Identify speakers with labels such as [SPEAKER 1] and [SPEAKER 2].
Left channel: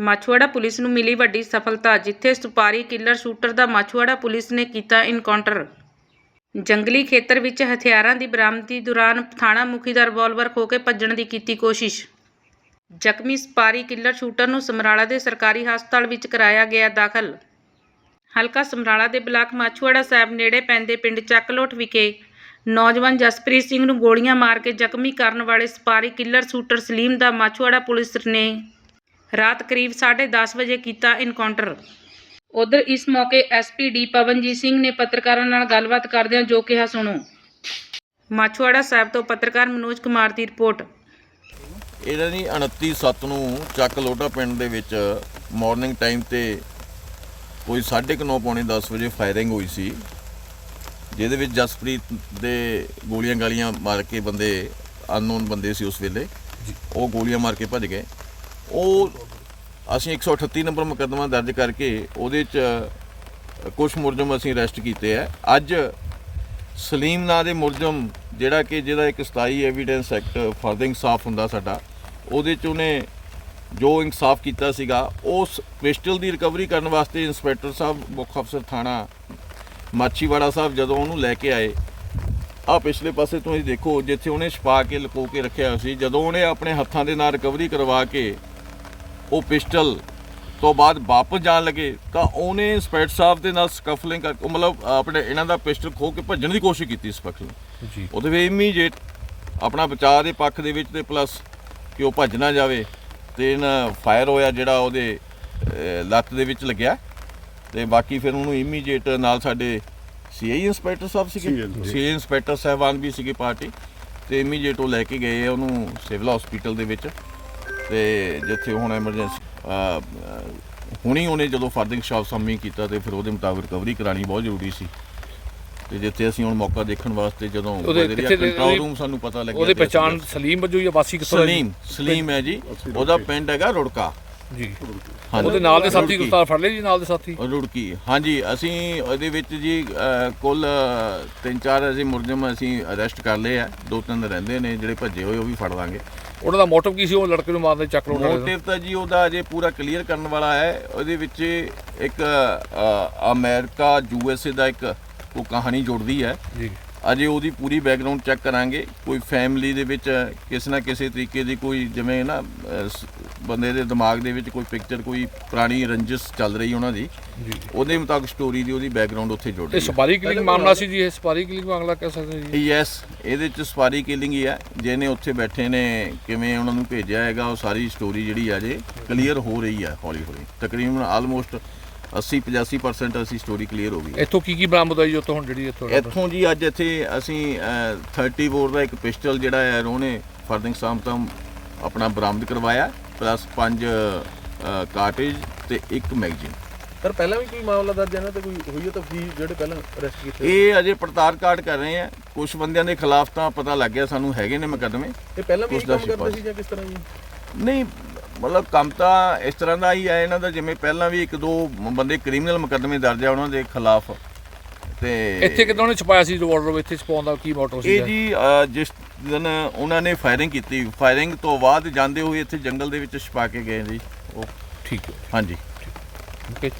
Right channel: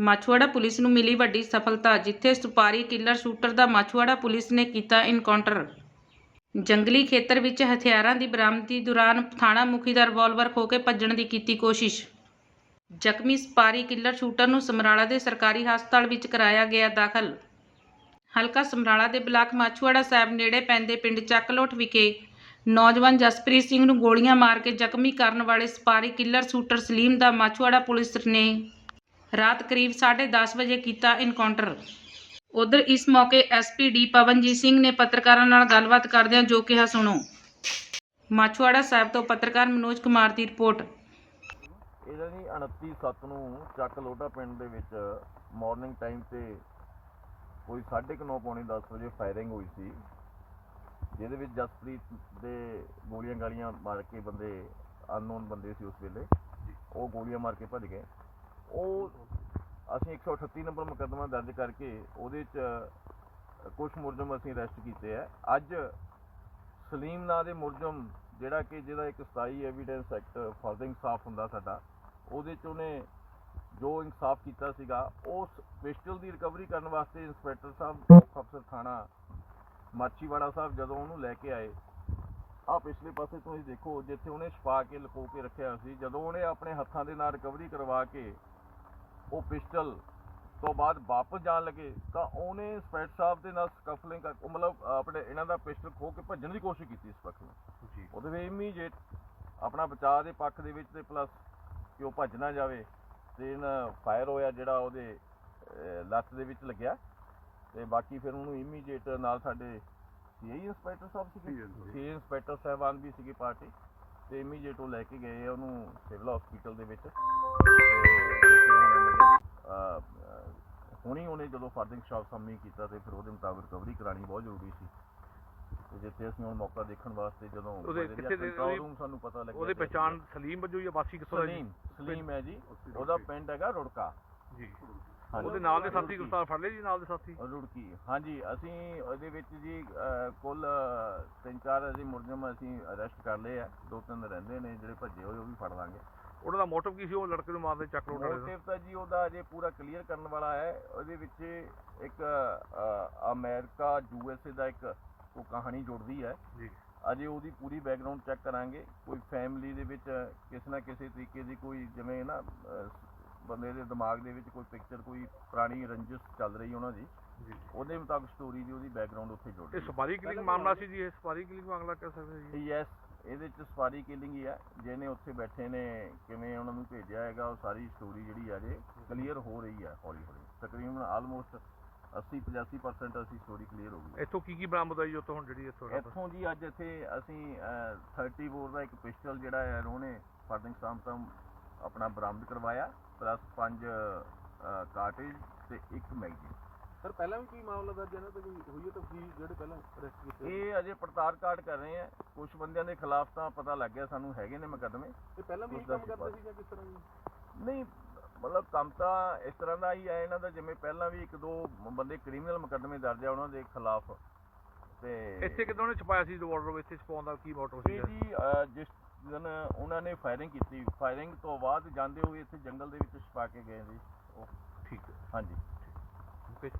[SPEAKER 1] ਮਾਛੂਵਾੜਾ police ਨੂੰ ਮਿਲੀ ਵੱਡੀ ਸਫਲਤਾ, ਜਿੱਥੇ ਸੁਪਾਰੀ ਕਿਲਰ ਸ਼ੂਟਰ ਦਾ ਮਾਛੂਆੜਾ ਪੁਲਿਸ ਨੇ ਕੀਤਾ ਇਨਕਾਊਂਟਰ ਜੰਗਲੀ ਖੇਤਰ ਵਿੱਚ ਹਥਿਆਰਾਂ ਦੀ ਬਰਾਮਦੀ ਦੌਰਾਨ ਥਾਣਾ ਮੁਖੀ ਦਾ ਰਿਵਾਲਵਰ ਖੋ ਕੇ ਭੱਜਣ ਦੀ ਕੀਤੀ ਕੋਸ਼ਿਸ਼। ਜ਼ਖਮੀ ਸਪਾਰੀ ਕਿਲਰ ਸ਼ੂਟਰ ਨੂੰ ਸਮਰਾਲਾ ਦੇ ਸਰਕਾਰੀ ਹਸਪਤਾਲ ਵਿੱਚ ਕਰਾਇਆ ਗਿਆ ਦਾਖਲ। ਹਲਕਾ ਸਮਰਾਲਾ ਦੇ ਬਲਾਕ ਮਾਛੂਵਾੜਾ ਸਾਹਿਬ ਨੇੜੇ ਪੈਂਦੇ ਪਿੰਡ ਚੱਕਲੋਟ ਵਿਖੇ ਨੌਜਵਾਨ ਜਸਪ੍ਰੀਤ ਸਿੰਘ ਨੂੰ ਗੋਲੀਆਂ ਮਾਰ ਕੇ ਜ਼ਖਮੀ ਕਰਨ ਵਾਲੇ ਸਪਾਰੀ ਕਿਲਰ ਸ਼ੂਟਰ ਸਲੀਮ ਦਾ ਮਾਛੂਆੜਾ ਪੁਲਿਸ ਨੇ ਰਾਤ ਕਰੀਬ 10:30 ਵਜੇ ਕੀਤਾ ਇਨਕਾਊਂਟਰ ਉਧਰ ਇਸ ਮੌਕੇ ਐਸਪੀਡੀ ਪਵਨਜੀਤ ਸਿੰਘ ਨੇ ਪੱਤਰਕਾਰਾਂ ਨਾਲ ਗੱਲਬਾਤ ਕਰਦਿਆਂ ਜੋ ਕਿਹਾ ਸੁਣੋ। ਮਾਛੂਵਾੜਾ ਸਾਹਿਬ ਤੋਂ ਪੱਤਰਕਾਰ ਮਨੋਜ ਕੁਮਾਰ ਦੀ ਰਿਪੋਰਟ।
[SPEAKER 2] ਇਹਨਾਂ ਦੀ 29 ਸੱਤ ਨੂੰ ਚੱਕ ਲੋਟਾ ਪਿੰਡ ਦੇ ਵਿੱਚ ਮਾਰਨਿੰਗ ਟਾਈਮ ਤੇ ਕੋਈ 9:30 ਪੌਣੇ 10 ਵਜੇ ਫਾਇਰਿੰਗ ਹੋਈ ਸੀ ਜਿਹਦੇ ਵਿੱਚ ਜਸਪ੍ਰੀਤ ਦੇ ਗੋਲੀਆਂ ਗਾਲੀਆਂ ਮਾਰ ਕੇ ਬੰਦੇ ਅਨਨੋਨ ਬੰਦੇ ਸੀ ਉਸ ਵੇਲੇ। ਉਹ ਗੋਲੀਆਂ ਮਾਰ ਕੇ ਭੱਜ ਗਏ। ਉਹ ਅਸੀਂ 138 ਨੰਬਰ ਮੁਕੱਦਮਾ ਦਰਜ ਕਰਕੇ ਉਹਦੇ ਚ ਕੁਝ ਮੁਲਜ਼ਮ ਅਸੀਂ ਅਰੈਸਟ ਕੀਤੇ ਆ। ਅੱਜ ਸਲੀਮ ਨਾਂ ਦੇ ਮੁਲਜ਼ਮ ਜਿਹੜਾ ਕਿ ਜਿਹਦਾ ਇੱਕ 27 ਐਵੀਡੈਂਸ ਐਕਟ ਫਰਦ ਇਨਸਾਫ ਹੁੰਦਾ ਸਾਡਾ, ਉਹਦੇ ਚ ਉਹਨੇ ਜੋ ਇਨਸਾਫ ਕੀਤਾ ਸੀਗਾ ਉਸ ਪਿਸਟਲ ਦੀ ਰਿਕਵਰੀ ਕਰਨ ਵਾਸਤੇ ਇੰਸਪੈਕਟਰ ਸਾਹਿਬ, ਮੁੱਖ ਅਫਸਰ ਥਾਣਾ ਮਾਛੀਵਾੜਾ ਸਾਹਿਬ ਜਦੋਂ ਉਹਨੂੰ ਲੈ ਕੇ ਆਏ ਆ ਪਿਛਲੇ ਪਾਸੇ ਤੁਸੀਂ ਦੇਖੋ, ਜਿੱਥੇ ਉਹਨੇ ਛਪਾ ਕੇ ਲੁਕੋ ਕੇ ਰੱਖਿਆ ਹੋਇਆ ਸੀ, ਜਦੋਂ ਉਹਨੇ ਆਪਣੇ ਹੱਥਾਂ ਦੇ ਨਾਲ ਰਿਕਵਰੀ ਕਰਵਾ ਕੇ ਉਹ ਪਿਸਟਲ ਤੋਂ ਬਾਅਦ ਵਾਪਸ ਜਾਣ ਲੱਗੇ ਤਾਂ ਉਹਨੇ ਇੰਸਪੈਕਟਰ ਸਾਹਿਬ ਦੇ ਨਾਲ ਸਕਫਲਿੰਗ ਕਰ ਮਤਲਬ ਆਪਣੇ ਇਹਨਾਂ ਦਾ ਪਿਸਟਲ ਖੋ ਕੇ ਭੱਜਣ ਦੀ ਕੋਸ਼ਿਸ਼ ਕੀਤੀ ਸਪੈਸ਼ਲ
[SPEAKER 3] ਜੀ।
[SPEAKER 2] ਉਹਦੇ ਵਿੱਚ ਇਮੀਡੀਏਟ ਆਪਣਾ ਬਚਾਅ ਦੇ ਪੱਖ ਦੇ ਵਿੱਚ ਤੇ ਪਲੱਸ ਕਿ ਉਹ ਭੱਜ ਨਾ ਜਾਵੇ ਤੇ ਇਹਨਾਂ ਫਾਇਰ ਹੋਇਆ ਜਿਹੜਾ ਉਹਦੇ ਲੱਤ ਦੇ ਵਿੱਚ ਲੱਗਿਆ। ਤੇ ਬਾਕੀ ਫਿਰ ਉਹਨੂੰ ਇਮੀਡੀਏਟ ਨਾਲ ਸਾਡੇ ਸੀਆਈ ਇੰਸਪੈਕਟਰ ਸਾਹਿਬ ਸੀਗੇ। CI inspector. ਸਾਹਿਬਾਨ ਵੀ ਸੀਗੇ ਪਾਰਟੀ। ਤੇ ਇਮੀਡੀਏਟ ਉਹ ਲੈ ਕੇ ਗਏ ਆ ਉਹਨੂੰ ਸਿਵਲ ਹਸਪੀਟਲ ਦੇ ਵਿੱਚ। ਤੇ ਜਿੱਥੇ ਹੁਣ ਐਮਰਜੈਂਸੀ ਹੁਣੀ ਉਹਨੇ ਜਦੋਂ ਫਰਦਿੰਗ ਸ਼ਾਪ ਸਾਮੀ ਕੀਤਾ ਤੇ ਫਿਰ ਉਹਦੇ ਮੁਤਾਬਕ ਰਿਕਵਰੀ ਕਰਾਣੀ ਬਹੁਤ ਜ਼ਰੂਰੀ ਸੀ। ਤੇ ਜਿੱਥੇ ਅਸੀਂ ਹੁਣ ਮੌਕਾ ਦੇਖਣ ਵਾਸਤੇ ਜਦੋਂ
[SPEAKER 3] ਉਹਦੇ
[SPEAKER 2] ਕੰਟਰੋਲ ਰੂਮ ਸਾਨੂੰ ਪਤਾ ਲੱਗਿਆ
[SPEAKER 3] ਉਹਦੇ ਪਛਾਣ ਸਲੀਮ ਵਜੋਂ ਜਾਂ ਵਾਸੀ ਕਿੱਥੋਂ?
[SPEAKER 2] ਸਲੀਮ ਸਲੀਮ ਹੈ ਜੀ। ਉਹਦਾ ਪਿੰਡ ਹੈਗਾ ਰੁੜਕਾ।
[SPEAKER 3] ਜੀ।
[SPEAKER 2] ਹਾਂਜੀ।
[SPEAKER 3] ਉਹਦੇ ਨਾਲ ਦੇ ਸਾਥੀ। ਗ੍ਰਿਫਤਾਰ ਫੜ ਲਏ ਜੀ ਨਾਲ ਦੇ ਸਾਥੀ?
[SPEAKER 2] ਉਹ ਰੁੜਕੀ ਹਾਂਜੀ ਅਸੀਂ ਉਹਦੇ ਵਿੱਚ ਜੀ ਅਹ, ਕੁੱਲ ਅਹ, ਤਿੰਨ ਚਾਰ ਅਸੀਂ ਮੁਲਜ਼ਮ ਅਸੀਂ ਅਰੈਸਟ ਕਰ ਲਏ ਆ। ਦੋ ਤਿੰਨ ਰਹਿੰਦੇ ਨੇ ਜਿਹੜੇ ਭੱਜੇ ਹੋਏ ਉਹ ਵੀ ਫੜ ਲਾਂਗੇ।
[SPEAKER 3] ਉਹਨਾਂ ਦਾ ਮੋਟਿਵ ਕੀ ਸੀ? ਉਹ ਲੜਕੇ ਨੂੰ ਮਾਰਦੇ ਚੱਕ ਲੋਟ
[SPEAKER 2] ਮੋਟਿਵ ਤਾਂ ਜੀ ਉਹਦਾ ਅਜੇ ਪੂਰਾ ਕਲੀਅਰ ਕਰਨ ਵਾਲਾ ਹੈ। ਉਹਦੇ ਵਿੱਚ ਇੱਕ ਅਮਰੀਕਾ ਯੂਐਸਏ ਦਾ ਇੱਕ ਉਹ ਕਹਾਣੀ ਜੁੜਦੀ ਹੈ।
[SPEAKER 3] ਜੀ।
[SPEAKER 2] ਅਜੇ ਉਹਦੀ ਪੂਰੀ ਬੈਕਗ੍ਰਾਉਂਡ ਚੈੱਕ ਕਰਾਂਗੇ। ਕੋਈ ਫੈਮਿਲੀ ਦੇ ਵਿੱਚ ਕਿਸੇ ਨਾ ਕਿਸੇ ਤਰੀਕੇ ਦੀ ਕੋਈ ਜਿਵੇਂ ਨਾ ਬੰਦੇ ਦੇ ਦਿਮਾਗ ਦੇ ਵਿੱਚ ਕੋਈ ਪਿਕਚਰ ਕੋਈ ਪੁਰਾਣੀ ਰੰਜਿਸ਼ ਚੱਲ ਰਹੀ ਉਹਨਾਂ ਦੀ
[SPEAKER 3] ਜੀ।
[SPEAKER 2] ਉਹਦੇ ਮੁਤਾਬਕ ਸਟੋਰੀ ਦੀ ਉਹਦੀ ਬੈਕਗ੍ਰਾਉਂਡ ਉੱਥੇ ਜੁੜ
[SPEAKER 3] ਇਹ
[SPEAKER 2] ਰਹੀ ਹੈ।
[SPEAKER 3] ਸਪਾਰੀ ਕਿਲਿੰਗ ਮਾਮਲਾ ਸੀ ਜੀ ਇਹ ਸਪਾਰੀ ਕਿਲਿੰਗ ਮਾਮਲਾ ਕਹਿ ਸਕਦੇ ਜੀ।
[SPEAKER 2] ਯੈਸ ਇਹਦੇ ਚ ਸਪਾਰੀ ਕਿਲਿੰਗ ਹੀ ਹੈ। ਜਿਹਨੇ ਉੱਥੇ ਬੈਠੇ ਨੇ ਕਿਵੇਂ ਉਹਨਾਂ ਨੂੰ ਭੇਜਿਆ ਹੈਗਾ ਉਹ ਸਾਰੀ ਸਟੋਰੀ ਜਿਹੜੀ ਆ ਜੇ ਕਲੀਅਰ ਹੋ ਰਹੀ ਹੈ ਹੌਲੀ ਹੌਲੀ। ਤਕਰੀਬਨ ਆਲਮੋਸਟ 80 85% ਅਸੀਂ ਸਟੋਰੀ ਕਲੀਅਰ ਹੋ ਗਈ ਹੈ।
[SPEAKER 3] ਇੱਥੋਂ ਕੀ ਕੀ ਬਰਾਮਦ ਹੋਈ ਉੱਥੋਂ ਹੁਣ ਜਿਹੜੀ ਇੱਥੋਂ
[SPEAKER 2] ਇੱਥੋਂ ਜੀ ਅੱਜ ਇੱਥੇ ਅਸੀਂ ਅਹ, 30 ਬੋਰ ਦਾ ਇੱਕ ਪਿਸਟਲ ਜਿਹੜਾ ਹੈ ਉਹਨੇ ਫਰਦਿੰਗ ਸਾਮ ਤੋਂ ਆਪਣਾ ਬਰਾਮਦ ਕਰਵਾਇਆ। ਪਲੱਸ 5 ਕਾਰਟੇਜ ਤੇ ਇੱਕ ਮੈਗਜ਼ੀਨ।
[SPEAKER 4] ਸਰ ਪਹਿਲਾਂ ਵੀ ਕੋਈ ਮਾਮਲਾ ਦਰਜ ਹੈ ਨਾ ਤੇ ਕੋਈ ਹੋਈ ਹੈ ਤਫਸੀਲ ਜਿਹੜੇ ਪਹਿਲਾਂ ਅਰੈਸਟ ਕੀਤੇ
[SPEAKER 2] ਇਹ ਅਜੇ ਪੜਤਾਲ ਕਾਰਡ ਕਰ ਰਹੇ ਆ। ਕੁਝ ਬੰਦਿਆਂ ਦੇ ਖਿਲਾਫ ਤਾਂ ਪਤਾ ਲੱਗ ਗਿਆ ਸਾਨੂੰ ਹੈਗੇ ਨੇ ਮੁਕੱਦਮੇ।
[SPEAKER 4] ਇਹ ਪਹਿਲਾਂ ਵੀ ਕੰਮ ਕਰਦੇ। ਸੀ ਜਾਂ ਕਿਸ ਤਰ੍ਹਾਂ ਜੀ?
[SPEAKER 2] ਨਹੀਂ ਮਤਲਬ ਕੰਮ ਤਾਂ ਇਸ ਤਰ੍ਹਾਂ ਦਾ ਹੀ ਹੈ ਇਹਨਾਂ ਦਾ ਜਿਵੇਂ ਪਹਿਲਾਂ ਵੀ ਇੱਕ ਦੋ ਬੰਦੇ ਕ੍ਰਿਮੀਨਲ ਮੁਕੱਦਮੇ ਦਰਜ ਆ ਉਹਨਾਂ ਦੇ ਖਿਲਾਫ। ਤੇ
[SPEAKER 3] ਇੱਥੇ ਕਿਦੋਂ ਨੇ ਛਪਾਇਆ ਸੀ ਰਿਵਾਲਵਰ ਇੱਥੇ ਛਪਾਉਣ ਦਾ ਕੀ ਮੋਟਿਵ ਸੀ
[SPEAKER 2] ਇਹ ਜੀ ਜਿਸ ਦਿਨ ਉਹਨਾਂ ਨੇ ਫਾਇਰਿੰਗ ਕੀਤੀ ਫਾਇਰਿੰਗ ਤੋਂ ਬਾਅਦ ਜਾਂਦੇ ਹੋਏ ਇੱਥੇ ਜੰਗਲ ਦੇ ਵਿੱਚ ਛਪਾ ਕੇ ਗਏ ਜੀ ਉਹ।
[SPEAKER 3] ਠੀਕ ਹੈ।
[SPEAKER 2] ਹਾਂਜੀ।
[SPEAKER 3] ਓਕੇ